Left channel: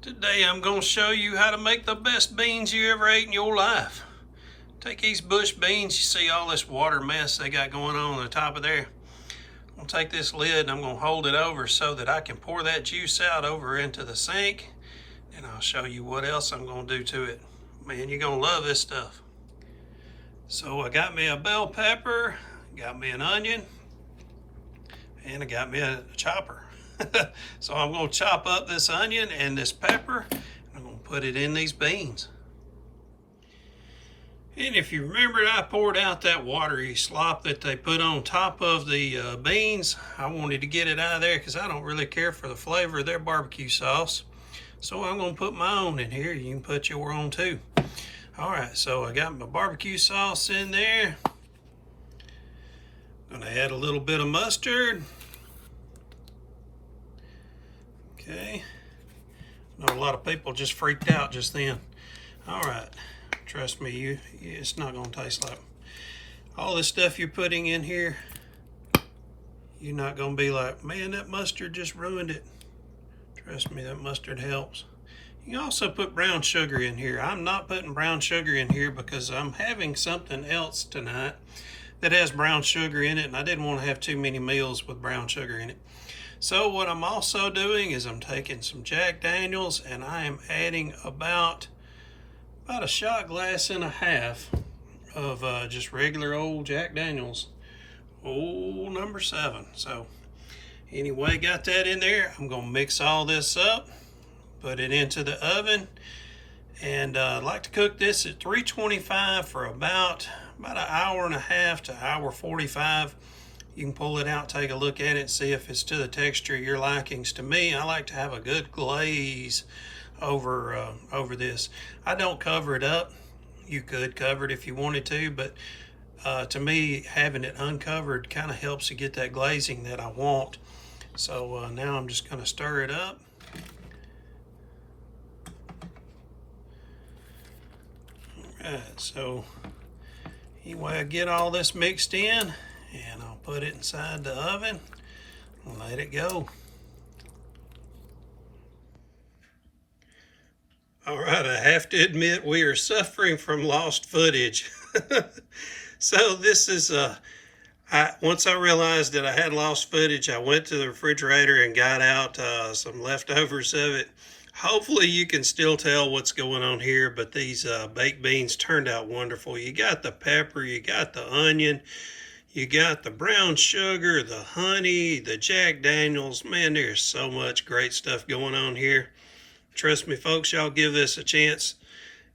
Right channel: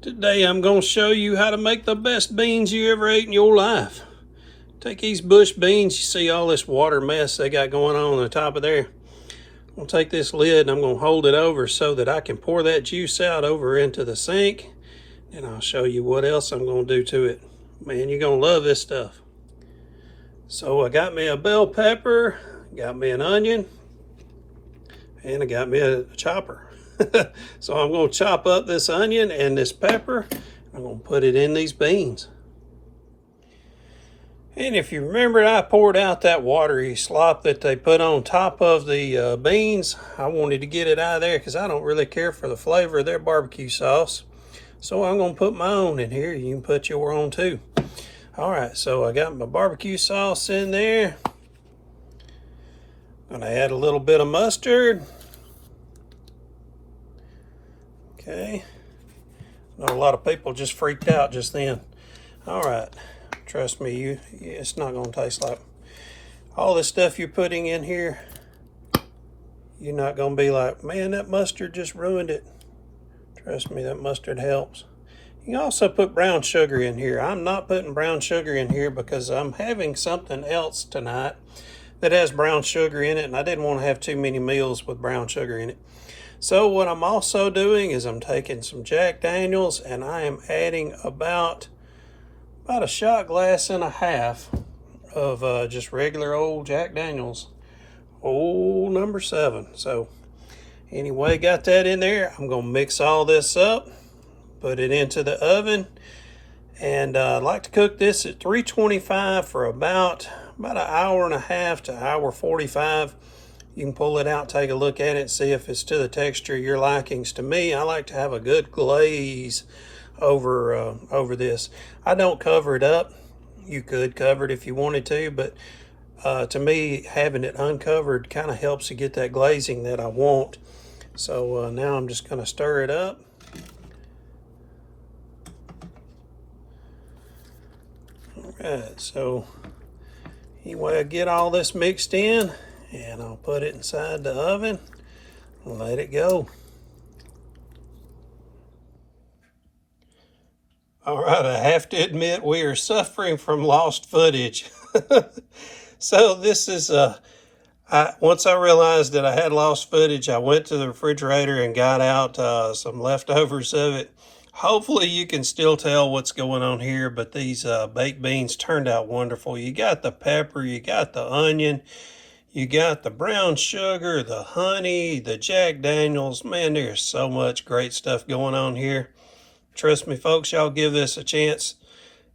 Today I'm going to show you how to make the best beans you ever ate in your life. Take these bush beans, you see all this water mess they got going on the top of there. I'm going to take this lid and I'm going to hold it over so that I can pour that juice out over into the sink. And I'll show you what else I'm going to do to it. Man, you're going to love this stuff. So I got me a bell pepper, got me an onion, and I got me a chopper. So I'm going to chop up this onion and this pepper. I'm going to put it in these beans. And if you remember, I poured out that watery slop that they put on top of the beans. I wanted to get it out of there because I don't really care for the flavor of their barbecue sauce. So I'm going to put my own in here. You can put your own too. All right, so I got my barbecue sauce in there. I'm going to add a little bit of mustard. Okay. I know a lot of people just freaked out just then. All right. Trust me, it's not going to taste like all this stuff you're putting in here. You're not going to be like, man, that mustard just ruined it. Trust me, that mustard helps. You can also put brown sugar in here. I'm not putting brown sugar in here because I'm having something else tonight that has brown sugar in it, and I didn't want to have too many meals with brown sugar in it. So what I'm also doing is I'm taking some Jack Daniels and I am adding about a shot glass and a half of just regular old Jack Daniels, old number 7. So anyway, got that in there. I'm gonna mix all this up, put it into the oven, and I like to cook this at 325 for about an hour and a half to hour 45. You can pull it out, take a look at it, see if it's to the texture your likings. To me, I like to have a good glaze over this. I don't cover it up. You could cover it if you wanted to, but to me, having it uncovered kind of helps you get that glazing that I want. So now I'm just going to stir it up. All right, so anyway, I get all this mixed in, and I'll put it inside the oven and let it go. All right, I have to admit we are suffering from lost footage. So this is, once I realized that I had lost footage, I went to the refrigerator and got out some leftovers of it. Hopefully you can still tell what's going on here, but these baked beans turned out wonderful. You got the pepper, you got the onion, you got the brown sugar, the honey, the Jack Daniels. Man, there's so much great stuff going on here. Trust me, folks, y'all give this a chance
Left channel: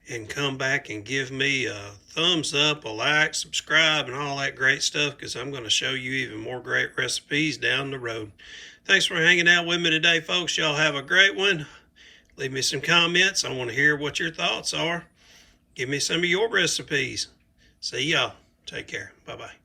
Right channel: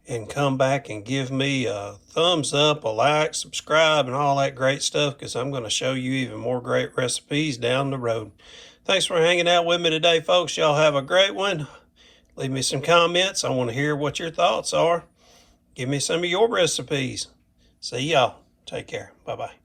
and come back and give me a thumbs up, a like, subscribe, and all that great stuff, because I'm going to show you even more great recipes down the road. Thanks for hanging out with me today, folks. Y'all have a great one. Leave me some comments. I want to hear what your thoughts are. Give me some of your recipes. See y'all. Take care. Bye-bye.